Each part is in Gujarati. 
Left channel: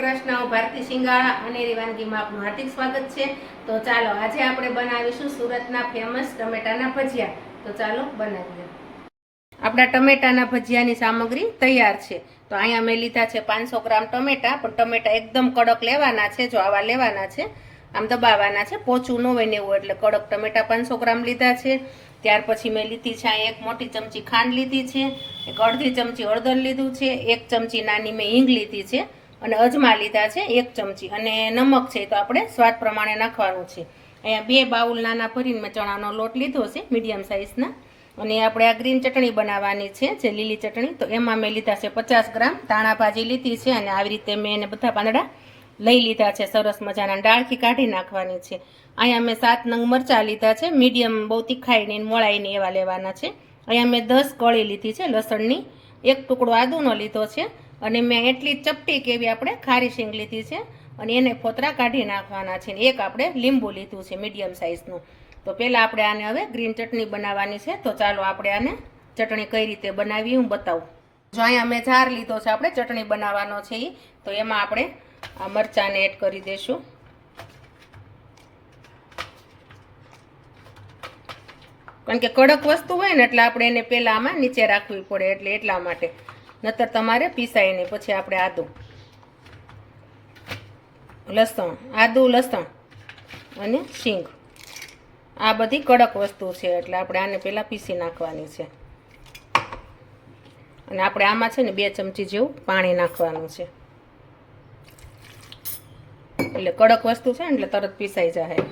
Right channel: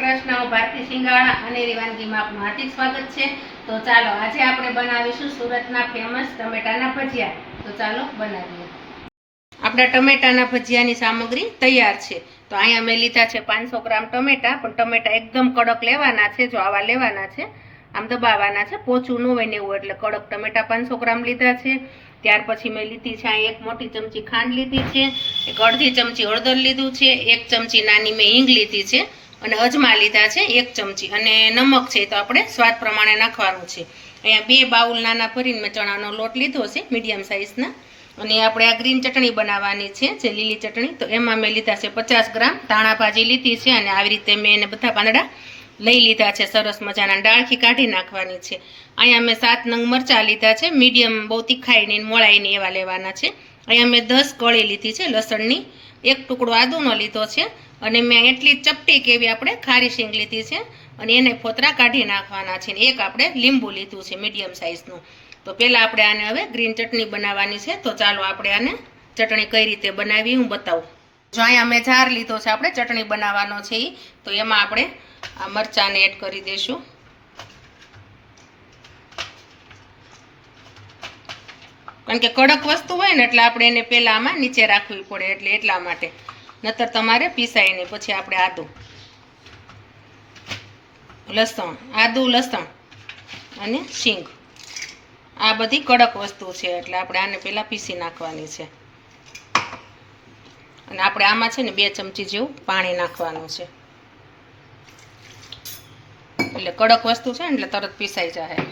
કૃષ્ણ હું ભારતી સિંગાળા અને વાનગીમાં આપનું હાર્દિક સ્વાગત છે. તો ચાલો, આજે આપણે બનાવીશું સુરતના ફેમસ ટમેટાના ભજીયા. તો ચાલો, બનાવીએ. આપણા ટમેટાના ભજીયાની સામગ્રી તૈયાર છે. તો અહીંયા મેં લીધા છે પાંચસો ગ્રામ ટમેટા, પણ ટમેટા એકદમ કડક લેવાના છે, જો આવા લેવાના છે, આમ દબાવવાના છે, પોચું ન હોય ને એવું, એટલે કડક ટમેટા પાંચસો ગ્રામ લીધા છે. ત્યાર પછી મેં લીધી છે અહીં એક મોટી ચમચી ખાંડ લીધી છે, એક અડધી ચમચી હળદર લીધું છે, એક ચમચી નાની મેં હિંગ લીધી છે. અને અજમા લીધા છે એક ચમચી. અને નમક છે તો આપણે સ્વાદ પ્રમાણે નાખવાનું છે. અહીંયા બે બાઉલ નાના ભરીને મેં ચણાનો લોટ લીધો છે, મીડિયમ સાઇઝના. અને આપણે આ ગ્રીન ચટણી બનાવવાની છે, જે લીલી ચટણી. તો એમાં મેં લીધા છે પચાસ ગ્રામ ધાણા ભાજી લીધી છે અને આવી રીતે મેં એને બધા પાંદડા લઈ લીધા છે, સરસ મજાના. ડાળખી કાઢી નાખવાની છે. અહીંયા મેં સાત નંગ મરચાં લીધા છે, મીડિયમ બહુ તીખાઈ નહીં મોળાઈ નહીં એવા લેવાના છે. અહીંયા મેં દસ કળી લીધી છે, લસણની. એક ટુકડો આદુનો લીધો છે. અને મેં એટલી ચપટી કેવી આપણે ખારી શીંગ લીધી છે અને એને ફોતરા કાઢી નાખવાના છે એક આપણે લીંબુ લીધું છે મીડિયમ સાઇઝનું. તો પહેલાં આપણે આને હવે ગ્રીન ચટણી બનાવવાની છે. તો ચાલો આપણે આને ચટણી કઈ રીતે બનાવી હું બતાવું. જો અહીંયા મેં જાર લીધો છે આપણે ચટણી બનાવવાનો છે એ તો એમાં આપણે આ મરચાંને એડ કરી દઈશું. કારણ કે કડક વસ્તુ હોય ને એટલે આપણે એને પહેલાં આમાં નીચે રાખવી પડે એટલે એટલા માટે. નતર તમારે પીસાય નહીં. પછી આપણે આદું. લસણ આદું, લસણ અને શીંગ. આ બધી કડક વસ્તુ છે, એટલે આપણે આને પહેલાં પીસી નાખવાની છે. અને આપણે આમાં છે ને બે ચમચી જેવું પાણી નાખવાનું છે. એટલે કડક વસ્તુ છે ને, એટલે તરત પીસાઈ જાય હવે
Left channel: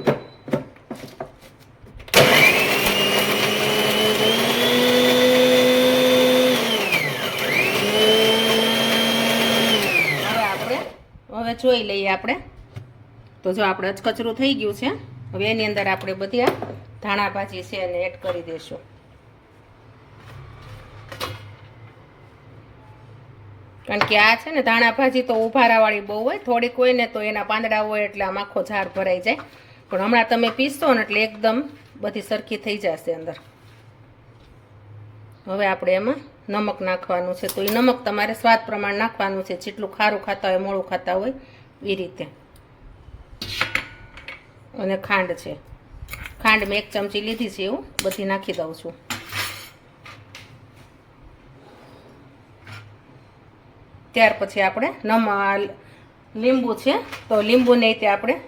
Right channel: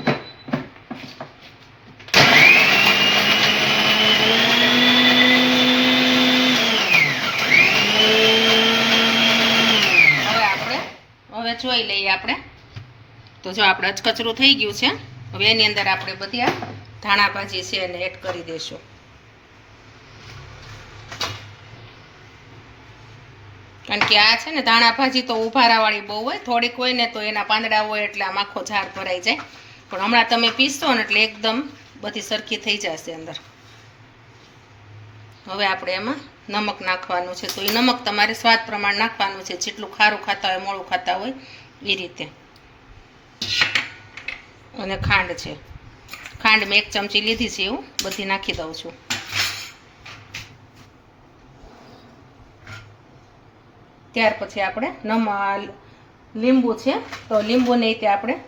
આપણે જોઈ લઈએ આપણે. તો જો આપણે અચકચરું થઈ ગયું છે, હવે એની અંદર આપણે બધી આ ધાણા ભાજી છે એને એડ કરી દઈશું. કારણ કે આ છે ને ધાણા ભાજી તો ઉભારાવાળી બહુ હોય, થોડીક હોય ને તો એના પાંદડા હોય એટલે આમ આખો ઝાડ ભરાઈ જાય. પણ હમણાં તમે પીસશો ને એટલે એકદમ બધી સરખી થઈ જશે અંદર. હવે આપણે એમાં નમક નાખવાનું છે. તો એ નમક તમારે સ્વાદ પ્રમાણે નાખવાનું છે. જેટલું ખારું ખાતા હોય, મોળું ખાતા હોય એ રીતે. અને ખાંડ છે. ખાંડ મેં એક ચમચી લીધી છે એવું. બધી નાખી દઉં છું. ત્યાર પછી આપણે નમ, લીંબુ છે. તો લીંબુને રીતે આપણે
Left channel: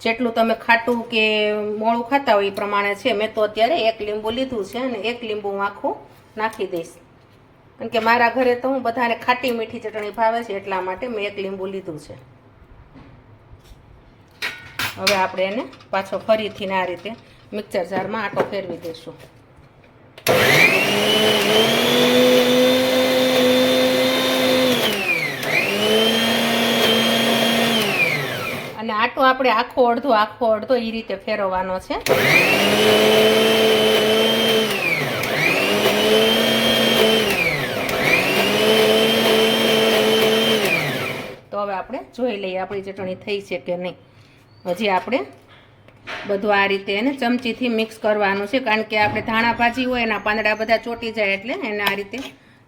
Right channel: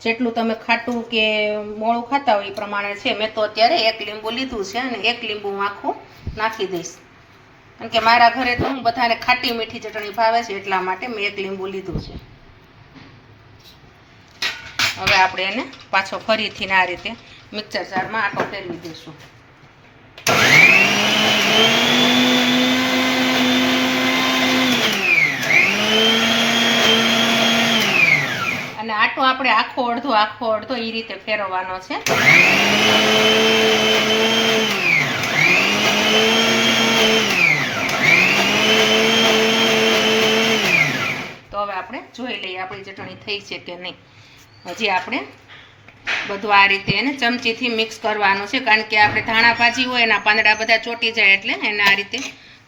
જેટલું તમે ખાટું કે મોળું ખાતા હોય એ પ્રમાણે છે. મેં તો અત્યારે એક લીંબુ લીધું છે અને એક લીંબુ આખું નાખી દઈશ. કારણ કે મારા ઘરે તો હું બધાને ખાટી મીઠી ચટણી ભાવે છે એટલા માટે મેં એક લીંબુ લીધું છે. હવે આપણે એને પાછો ફરીથી આ રીતે મિક્સર જારમાં આટો ફેરવી દઈશું. અને આટો આપણે આખો અડધો આખો અડધો એ રીતે ફેરવવાનો છે તો હવે આપણે જોઈ લઈએ આપણી ચટણી થઈ છે કે નહીં. હજી આપણે બધું આ રીતે એને ચમચીથી મિક્સ કરવાનું છે, કારણ કે આપણે ધાણા ભાજી હોય એના પાંદડા બધા ચોટી જાય એટલે એને આ રીતે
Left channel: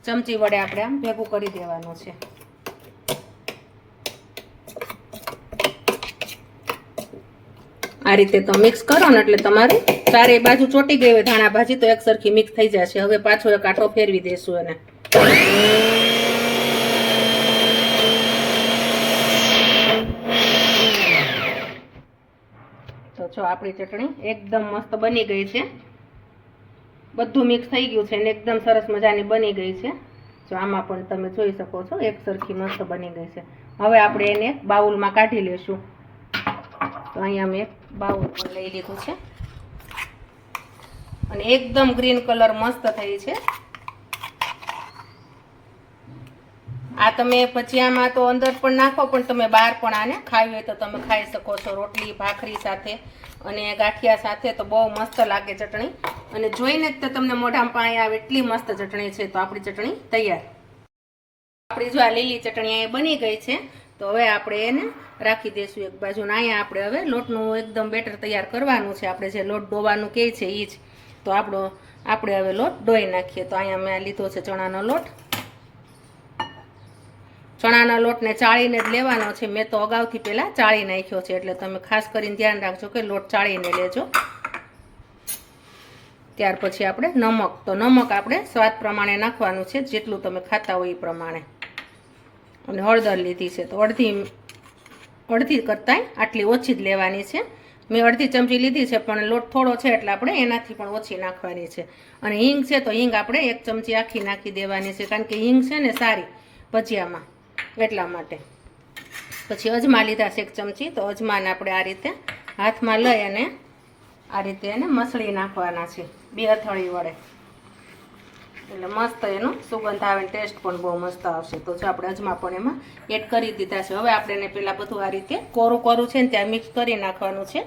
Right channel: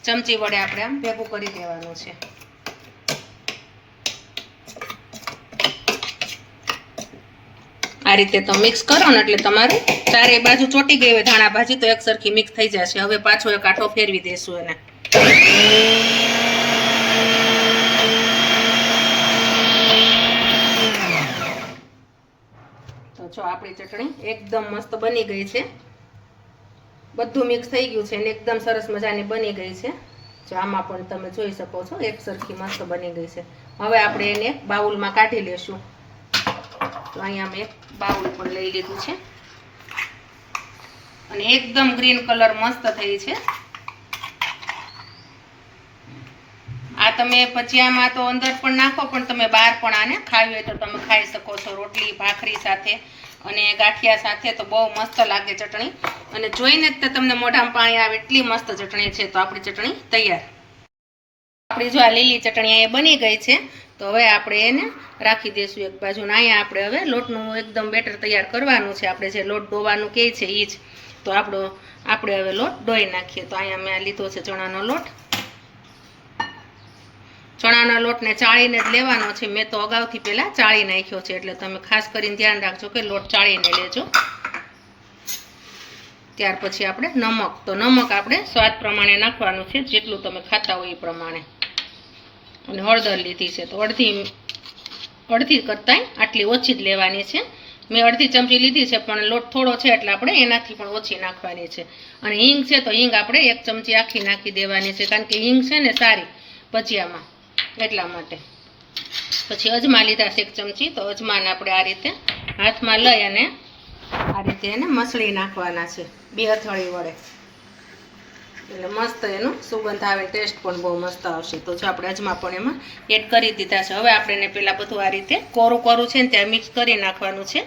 ચમચી વડે આપણે આમ ભેગું કરી દેવાનું છે. આ રીતે તો મિક્સ કરો ને એટલે તમારે ચારે બાજુ ચોટી ગઈ હોય ધાણા ભાજી તો એક સરખી મિક્સ થઈ જશે. હવે પાછો એક આઠો ફેરવી દઈશું એને. જો આપણી ચટણી એકદમ મસ્ત બની ગઈ છે. બધું મિક્સ થઈ ગયું છે અને એકદમ સરસ મજાની બની ગઈ છે. જો આમાં પણ તમે જોઈ શકો છો, એક સરખી મસ્ત બની ગઈ છે. હવે આપણે એને બાઉલમાં કાઢી લઈશું. તો અહીંયા મેં એક બાઉલ પણ લઈ લીધું છે. અને એકદમ ગ્રીન કલર મસ્ત થઈ છે. આ તમે ભજીયામાં તો અંદર પણ નાખો, પણ તમે બહાર પણ આને ખાવી હોય તો તમે ખાઈ શકો છો રોટલી, ભાખરી સાથે અને ગાંઠિયા સાથે તો બહુ મસ્ત લાગે ચટણી. અને જોઈને જ તમને મોઢામાં પાણી આવે એટલી મસ્ત ચટણી છે. તો આપણી ચટણી તૈયાર. આપણી જો આ લીલી ચટણી અહીંયા બની ગઈ છે, તો હવે આપણે એને રાખી દઈશું એક બાજુ. ને અહીંયા આપણે હવે લોટનું એકદમ બેટર તૈયાર કરવાનું છે. આપણે જે લોટ ડોવાનું કહે છે એ જ. તો આપણો, આપણે હવે લોટ ડોઈ નાખીએ. તો અહીંયા મેં લીધો છે ચણાનો લોટ. ચણાના લોટને ચાળીને જ લેવાનો છે. મેં તો અગાઉથી પહેલાં ચાળી નાખ્યો છે. એટલે તમે ખાસ કરીને ધ્યાન રાખજો કે લોટ ચાળીને લેજો. ત્યાર પછી આપણે નમક. તો નમક આપણે સ્વાદ પ્રમાણે નાખવાનું છે. જેટલું તમે ખાતા હોય એ પ્રમાણે. અને હળદર લીધી છે. તો અડધી અડધી કરતાંય આટલી ઓછી જ લેવાની છે. મેં અડધી ચમચી લીધી છે, પણ લોટ થોડો છે એટલે આપણે એનાથી પણ ઓછી નાખવાની છે. અને હિંગ છે તો હિંગ આપણે એક ચમચી આખી નાખી દેવાની છે. કારણ કે હિંગ છે ને સારી ભજીયામાં. એટલા માટે. પછી અજમા લીધા છે એક ચમચી, તો અજમાને આપણે આ રીતે હાથમાં લઈ અને આ રીતે એને મસળી નાખવાના છે, બે અથળી વડે. એટલે મસ્ત એનું સુગંધ આવે ટેસ્ટ પણ બહુ મસ્ત આવશે. તો જો આપણે અજમા પણ એમાં એડ કરી દીધા છે. હવે આપણે એને પહેલાં બધું આ રીતે કોરું કોરું છે ને ત્યાં મિક્સ કરી નાખવાનું છે.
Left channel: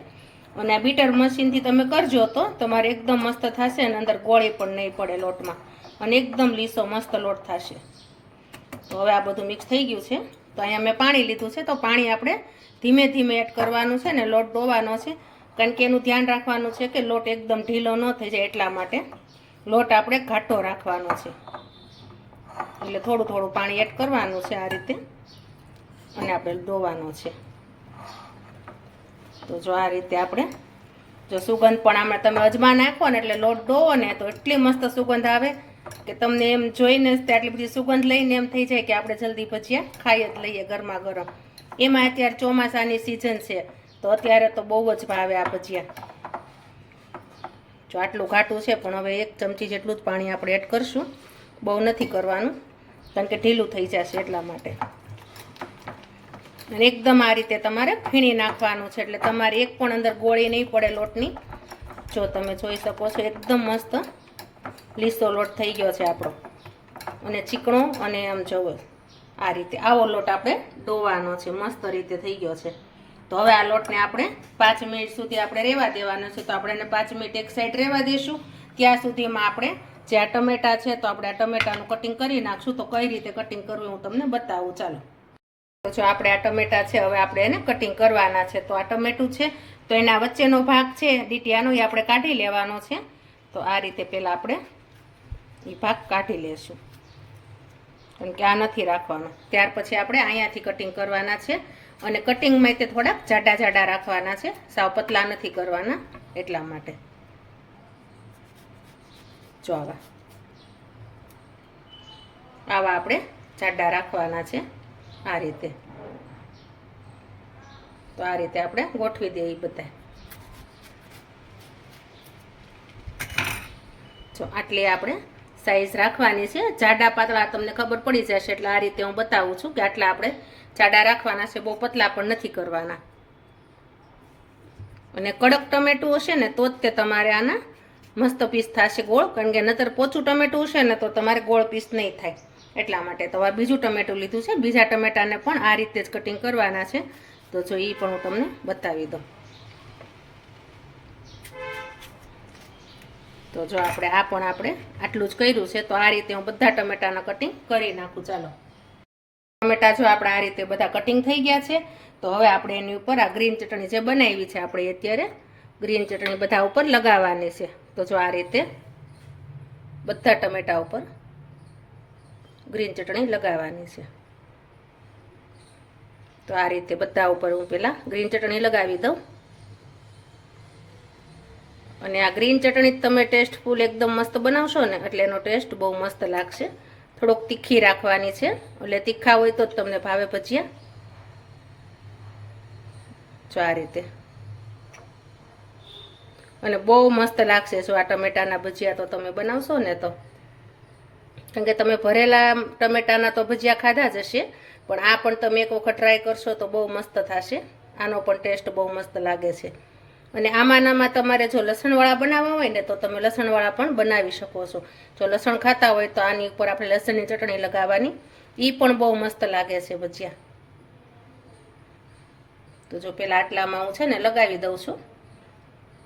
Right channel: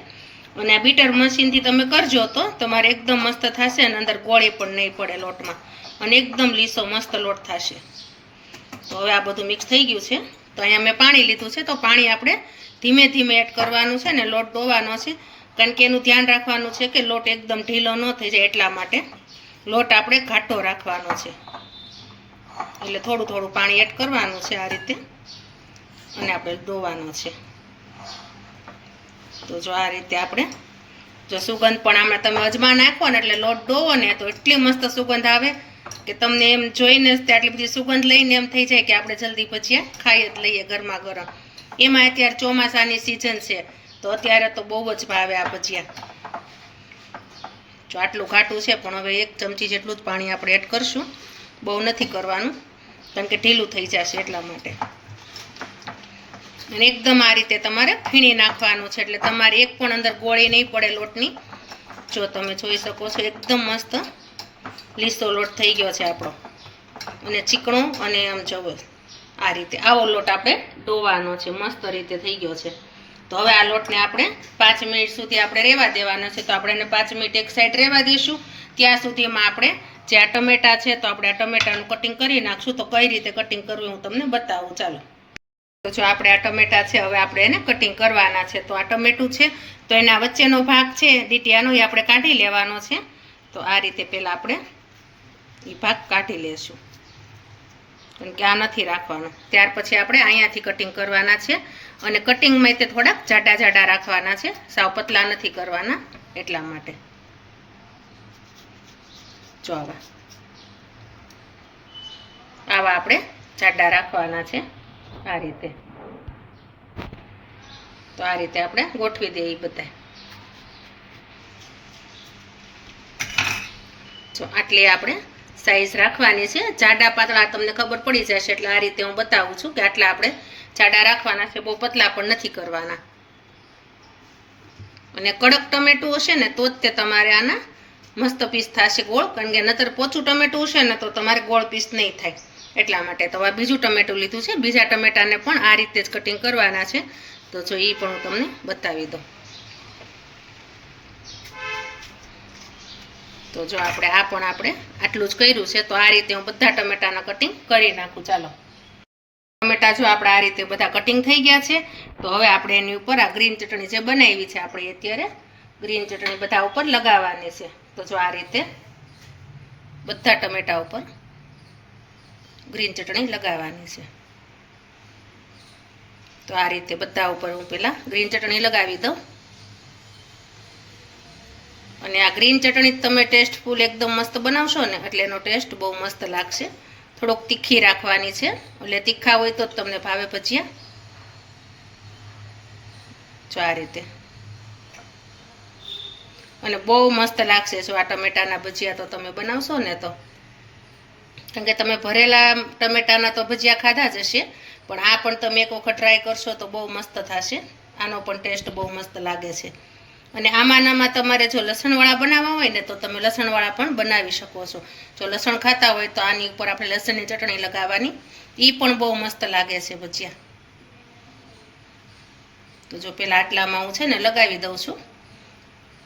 અને આ બીટર મશીનથી તમે કરજો તો તમારે એકદમ મસ્ત થશે અને અંદર ગોળી પણ નહીં પડે લોટમાં. અને એકદમ લીસો મસ્ત લોટ થશે. તો હવે આ બધું મિક્સ થઈ ગયું છે. તો અહીંયા મેં પાણી લીધું છે, તો પાણી આપણે ધીમે ધીમે એડ કરવાનું છે ને લોટ ધોવાનો છે. કારણ કે એનું ધ્યાન રાખવાનું છે કે લોટ એકદમ ઢીલો ન થઈ જાય એટલા માટે લોટ આપણે ઘાટો રાખવાનો છે. એટલે થોડું થોડું પાણી એડ કરવાનું છે આ રીતે અને આપણે ધોવાનો છે. તો જો આ રીતે આપણે, જો સુગંધ પણ આમાં તમે અજમા નાખો ને એટલે લોટ ધોવો ને તો એટલી મસ્ત સુગંધ આવે કે તમને એમ જોઈને આટલી બધી સુગંધ લઈને એમ થઈ જાય કે આપણે જલ્દી ભજીયા ખાઈ જ લઈએ ગરમા ગરમ. એમાં અત્યારે ચોમાસાની સિઝન છે, તો અત્યારે તો બહુ જ ભાવે આ ભજીયા. જો આટલું ઘાટું છે, પણ હવે એક ચમચી જેટલું જ પાણી આપણે એડ કરશું. બહુ નથી કરવાનું, કારણ કે ઢીલું થઈ જશે એટલા માટે. અને એકદમ આ રીતે તમારે ફીણી નાખવાનું છે, એટલે તમારે એક પણ અંદર ગોળી નહીં પડે લોટની. જો તમે જોઈ શકો છો, એકદમ મસ્ત લીસો લોટ થઈ ગયો છે આપણો. અને ચીકણો અને આમ જવો. આ રીતે. આવો લોટ આપણે ડોવાનો છે. મસ્ત રીતે થઈ ગયો છે. તો હવે આ લોટને આપણે પાંચ મિનિટ સુધી આપણે રહેવા દેવાનો છે. તો આપણે એને પાંચ મિનિટ એક સાઈડ રહેવા દઈશું ત્યાં સુધીમાં આપણે જે આ ટમેટા છે, તો આપણે આ ટમેટાનું કટિંગ કરી નાખશું. તો કઈ રીતે કટિંગ કરવું હું તમને બતાવું. ચાલો. તો જો આપણે આ ટમેટા છે, હવે આપણે એને કટિંગ કરવાના છે. તો આ ટમેટું છે, તો એના વચ્ચેનો ભાગ છે, ડીટીયાનો, એ આપણે કાઢી લેવાનો છે. તો આ રીતે પહેલાં આપણે એ ભાગ કાઢી લેશું. કારણ કે આ નથી રાખવાનો. ત્યાર પછી આપણે અહીંયાથી કટિંગ કરવાના છે અને કટિંગમાં તે થોડાક જાડા જાડા રાખવાના છે. સાવ પતલા નથી કરવાના એટલા માટે. જો આવા. આવા આપણે જાડા રાખવાના છે આ રીતે. તો આ રીતે આપણે ગોઠવી દઈએ બધા જો આટલી આપણે સાઈઝ રાખવાની છે. જાડા પાતળા તમને ખબર પડી જશે, એટલે આ રીતે હું બતાવું છું કે આટલા આપણે જાડા રાખવાના છે, બહુ પતલા પણ નથી કરવાના. અને કડક ટમેટું હશે ને, તો જ તે તમારે આના મસ્ત પીસ થશે ગોળ, કારણ કે નતર પોચું ટમેટું હશે ને, તો તમારે ગોળ પીસ નહીં થાય. એટલા માટે તો આ બીજું ટમેટું લીધું છે. બીજા ટમેટાને પણ આ રીતે જ કટિંગ કરવાના છે. તો જો એ પણ હું તમને બતાવી દઉં. તો જો આપણે આ પણ આપણે આટલું જ કર્યું છે, તો આ રીતે હું બધા ટમેટાના કટિંગ કરી નાખું. ચાલો. ટમેટા જો આપણે આ રીતે બધા કટિંગ થઈ ગયા છે, તો હવે આપણે એની ઉપર આ ગ્રીન ચટણી જે બનાવી છે આપણે અત્યારે ગ્રીન ચટણી બધા ઉપર લગાવવાની છે. તો જો આ રીતે બધા ટમેટા ઉપર ગ્રીન ચટણી લગાવવાની છે. તો આ રીતે બધા ઉપર હું પહેલાં ગ્રીન ચટણી લગાવી દઉં. અને આ ગ્રીન ચટણી તમે ટેસ્ટ ફૂલ એકદમ મસ્ત બનાવશો ને, એટલે એનો ટેસ્ટ બહુ મસ્ત લાગશે. થોડોક તીખી રાખવાની છે, એટલે તીખા હોય તો જ તમને ભાવે ભજીયા. જો આ રીતે. અને બહુ મસ્ત લાગશે, જો આ ટમેટાના ભજીયા તો તમે બનાવશો ને તો. કારણ કે તમે ભરેલા ટમેટાના તો ભજીયા ખાધા જ હશે, પણ આ પણ તમે એક વખત ટ્રાય કરશો તો બહુ મસ્ત થશે. આનો પણ ટેસ્ટ બહુ મસ્ત લાગે છે. અને આમાંનામાં તમારે જો લસણવાળા બનાવવા હોય ને તો તમે લસણવાળા પણ બનાવી શકો છો. જો લસણ ખાતા હોય તો આની ઉપર આપણે લસણની ચટણી લગાવવાની. એ પણ બહુ મસ્ત લાગે છે ભજીયા. તો જો પેલા આટલામાં હું છે ને લગાવી દઉં છું.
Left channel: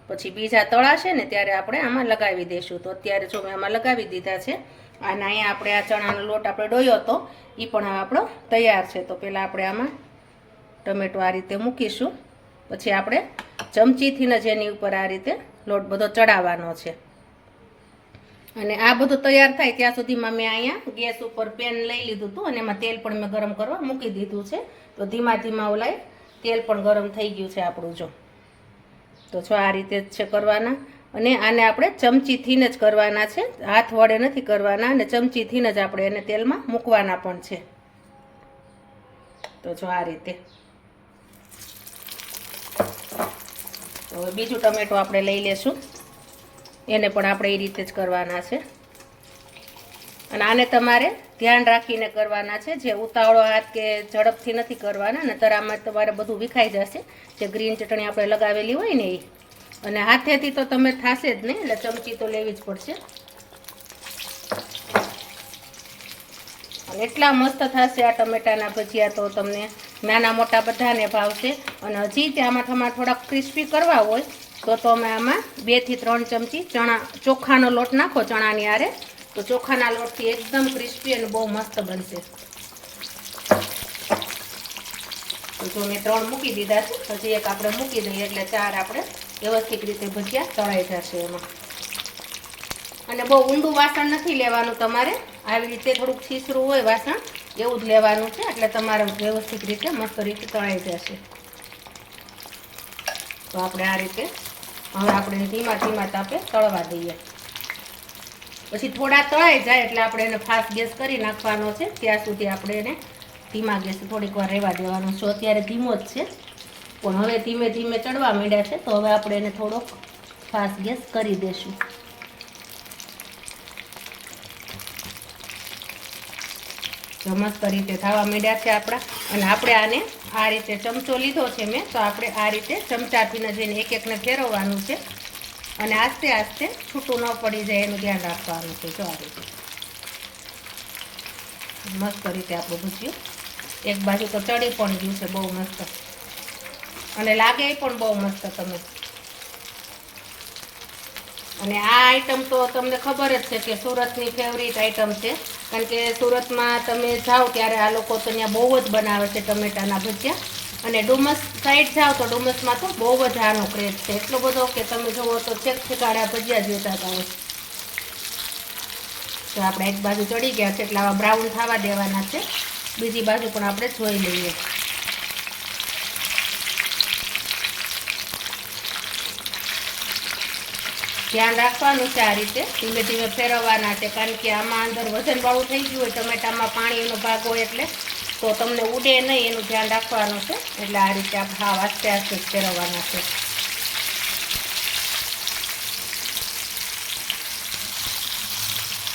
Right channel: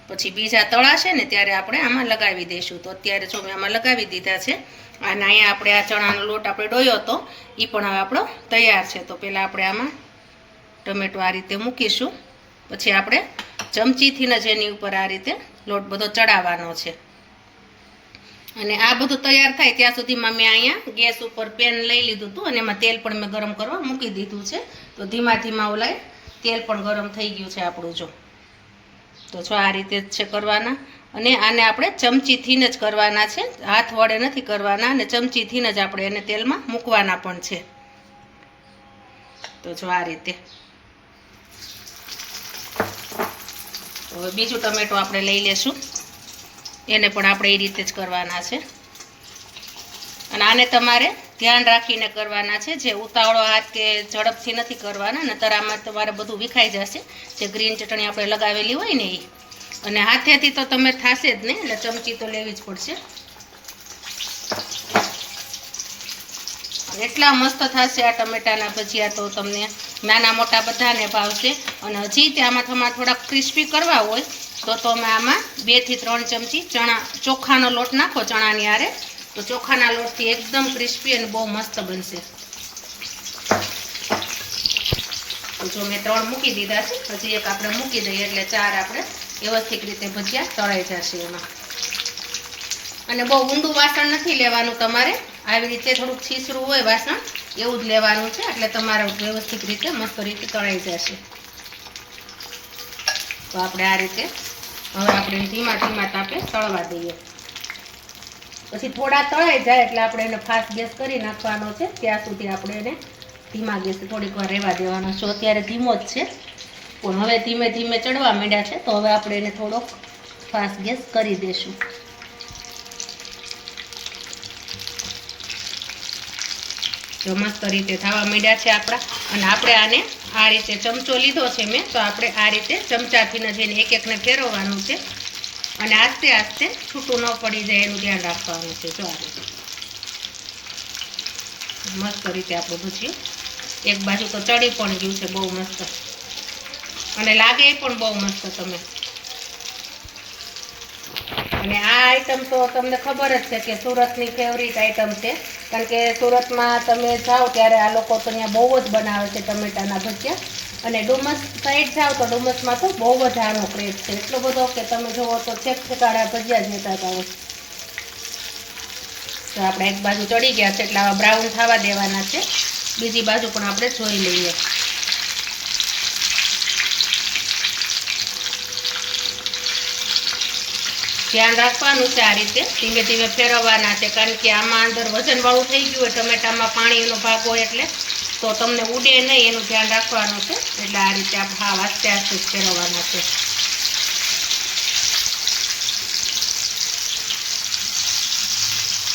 પછી બીજા તળાશે ને ત્યારે આપણે આમાં લગાવી દઈશું. તો અત્યારે જો મેં આમાં લગાવી દીધા છે, અને અહીંયા આપણે આ ચણાનો લોટ આપણે ડોયો હતો એ પણ હવે આપણો તૈયાર છે. તો પહેલાં આપણે આમાં ટમેટો આ રીતે મૂકીશું. પછી આપણે ચમચીથી જ એની ઉપર આ રીતે લોટ બધો ચડાવવાનો છે. અને આ બધું તૈયાર થાય ત્યાં સુધીમાં મેં અહીંયા ગેસ ઉપર પેન લઈ લીધું હતું અને એમાં તેલ પણ મેં ગરમ કરવા મૂકી દીધું છે. તો ધીમા ધીમા ઓલાય તેલ પણ ગરમ થઈ ગયું છે આપણું જો. તો જો આ રીતે જ છે કરવાના. અને આને આપણે ચમચીથી જ કરવાના છે. હાથ વડે નથી કરવાના અને ચમચીથી જ આપણે એને તેલમાં મૂકવાના પણ છે. તો જો આ રીતે. હવે બીજું ટમેટો આપણે લઈ લેશું. એને પણ આપણે એ રીતે જ કરવાના છે. અને આને તમારે ધ્યાન રાખીને કરવાના છે. જે ઉતાવળો હાથ કે ઝડપથી નથી કરવાના, નતર આમાં તમારે બધું વિખાઈ જશે. જે ગ્રીન ચટણી આપણે લગાવેલી હોય ને એ. અને હાથેથી તો તમે થશે જ નહીં એટલે ચમચી તો લેવી જ પડશે. એટલા મસ્ત થશે આ ટમેટાના ભજીયા તો તમને નાના મોટા બધાને ભાવશે અને હજી આમાં તમારે થોડાક ક્રિસ્પી કરવા હોય, તો તમે આમાં બેથી ત્રણ ચમચી ચણા, ચોખાનો લોટ નાખો ચણાની આરે તો ચોખાના લોટથી એકદમ ક્રિસ્પી અને બહુ મસ્ત બનશે. જો મેં ત્રણ મૂકી દીધા છે, હજી એક આપણે મૂકી દઈએ એટલે ચાર આપણે વ્યવસ્થિત રીતે ભજીયા તળાઈ જશે એમાં. અને બહુ ઊંડું વાસણ નથી લેવાનું તમારે. આવી રીતે થોડુંક છીસરું હોય વાસણ એવું જ લેવાનું છે, એટલે તમારે વ્યવસ્થિત રીતે મસ્ત રીતે તળાઈ જશે. તો આપણે આ રીતે હવે આપણે ધીમા ધીમા તાપે તળવા દઈએ. પછી થોડા તળાઈ જાય એટલે આપણે એને ફાસ્ટ ગેસ કરી નાખવાનો છે, ત્યાં સુધી આપણે એને ધીમા ગેસ થોડીક વાર રહેવા દેવાનો છે. અત્યારે ધીમો જ છે, પણ હવે ધીમે ધીમે ચડવા માંડ્યા છે, તો હવે આપણે એને થોડોક ફાસ્ટ ગેસ કરી દઈશું જો મસ્ત રીતે થવા માંડ્યા છે આપણા. અને આપણે આને આ રીતે ચમચો લીધો છે મેં, તો આપણે આ રીતે ચમચાથીને જઈને એક એકને ફેરવવાનું છે. અને આસ્તે આસ્તે છૂટું ન પડી જાય એનું ધ્યાન રાખવાનું છે. જો આ રીતે. મસ્ત રીતે આપણું ભૂજ્યું એક બાજુ તો ચડી પણ ગયું છે, બહુ મસ્ત. અને લાગે પણ બહુ મસ્ત તમે. અને આ આઈટમ તો તમને ખબર જ છે કે સુરતની ફેવરિટ આઈટમ છે. કારણ કે સુરતમાં તમે જાઓ ત્યારે આ લોકો તો અહીંયા બહુ જ બનાવે છે ટમેટાના ભજીયા. અને ડુમસ સાઈડ જાઓ તો ડુમસમાં તો બહુ જ સારો ક્રેઝ છે. એટલો બધો કે તમે જુઓ તો ચેક છેકાડા ભજીયા જોતા હતા. તો આપણે એક બાજુ ચડી ગયા છે એટલે આવા બ્રાઉન થવા દેવાના છે. બીજી બાજુ પણ આપણે જોઈ લઈએ. ધ્યાન રાખવાનું છે આ રીતે. ધીમે ધીમે ફેરવવાના છે, કારણ કે આમાં અંદર વજનવાળું થઈ ગયું હોય, ટમેટામાં પાણીનો ભાગ હોય એટલે, તો તમને ઉડે નહીં, એનું ધ્યાન રાખવાનું છે. એટલે આ રીતે આપણે ભાવ આસ્તે આસ્તે ફેરવવાના છે.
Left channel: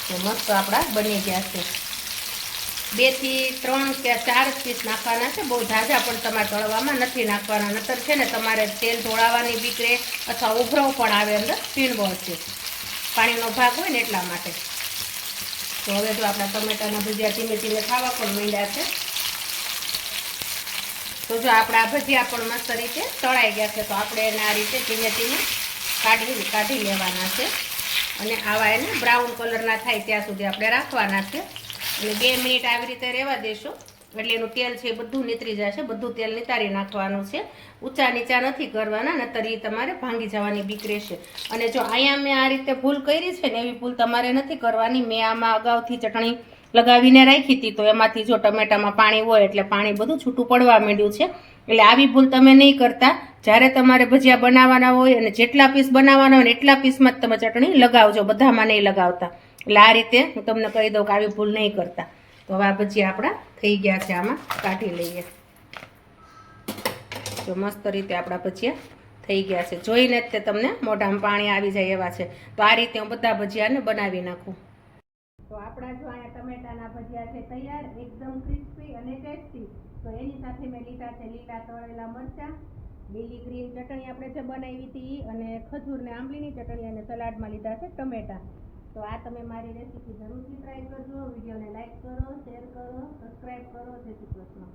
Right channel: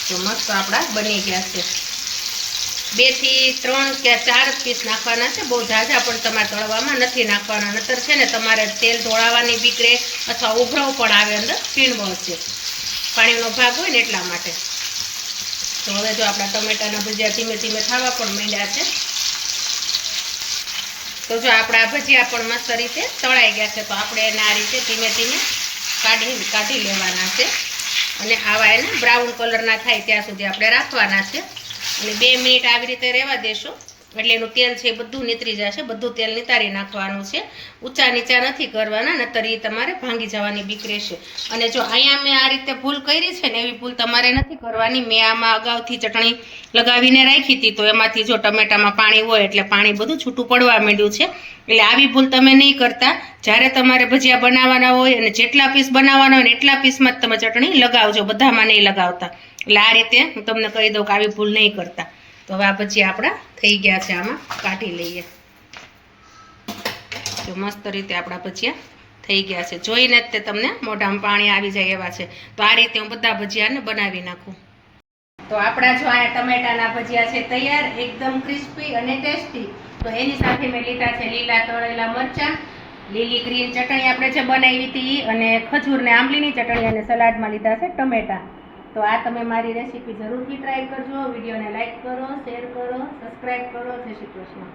તો મસ્ત આપણા બની ગયા છે. બેથી ત્રણ કે ચાર પીસ નાખવાના છે. બહુ ઝાઝા પણ તમારે તળવામાં નથી નાખવાના. નતર છે ને તમારે તેલ ઢોળાવાની બીકરે અથવા ઉભરાવ પણ આવે અંદર પીણબળ છે. પાણીનો ભાગ હોય ને એટલા માટે. તો હવે જો આપણા ટમેટાના ભજીયા ધીમે ધીમે ખાવા પણ માંડ્યા છે. તો જો આપણા ભજીયા પણ મસ્ત રીતે તળાઈ ગયા છે, તો આપણે એને આ રીતે ધીમે ધીમે કાઢી કાઢી લેવાના છે. અને આવા એને બ્રાઉન કલરના થાય ત્યાં સુધી આપણે રાખવાના છે. અને બે મિનિટ આવી રીતે રહેવા દેશો. એટલે એનું તેલ છે એ બધું નીતરી જશે, બધું તેલ નિતારી નાખવાનું છે. ઊંચા નીચા નથી કરવાના, નતર એ તમારે ભાંગી જવાની બીક રહેશે. અને જો અહીંયા મેં આ રીતે ભૂલ કરી છે ને, એવી ભૂલ તમારે નથી કરવાની. મેં આમાં અગાઉથી ચટણી લગાવીને રાખી હતી, તો એમાંથી જો ટમેટામાં પાણી હોય એટલે પાણી બધું છૂટું પડવા માંડ્યું છે. એટલે આવી ભૂલ તમે નહીં કરતા. જ્યારે તમારે ભજીયા બનાવવાના હોય અને જેટલા પીસ બનાવવાના હોય એટલા પીસમાં જ તમે ચટણી લગાવજો, બધામાં નહીં લગાવતા. એટલે આ રીતે હું તમને કહી દઉં કે આવી ભૂલ નહીં કરતા. તો હવે આ ભજીયા આપણા થઈ ગયા છે આમાં. કાઢી લઈએ. તો મસ્ત રીતે આપણા ભજીયા થઈ ગયા છે. જોઈને જ તે તમને મોઢામાં પાણી આવી જાય એવા છે. તો આ રીતે હું બધા ભજીયાને બનાવી નાખું. તો આપણા જો આ ટમેટાના ભજીયા છે તૈયાર, એકદમ ક્રિસ્પી અને ટેસ્ટી તો એની સાથે મેં લીધા છે લીલા તળેલા મરચાં. લીલી ગ્રીન ચટણી આપણે જે બનાવી હતી અને ખજૂર ને આંબલીની ચટણી અને સલાડમાં લીધા છે ટમેટા. તો આ તમે મારી રેસીપી જરૂરથી ટ્રાય કરજો. વિડીયોને લાઈક કરો શેર કરો સબસ્ક્રાઈબ કરો. જય શ્રી કૃષ્ણ.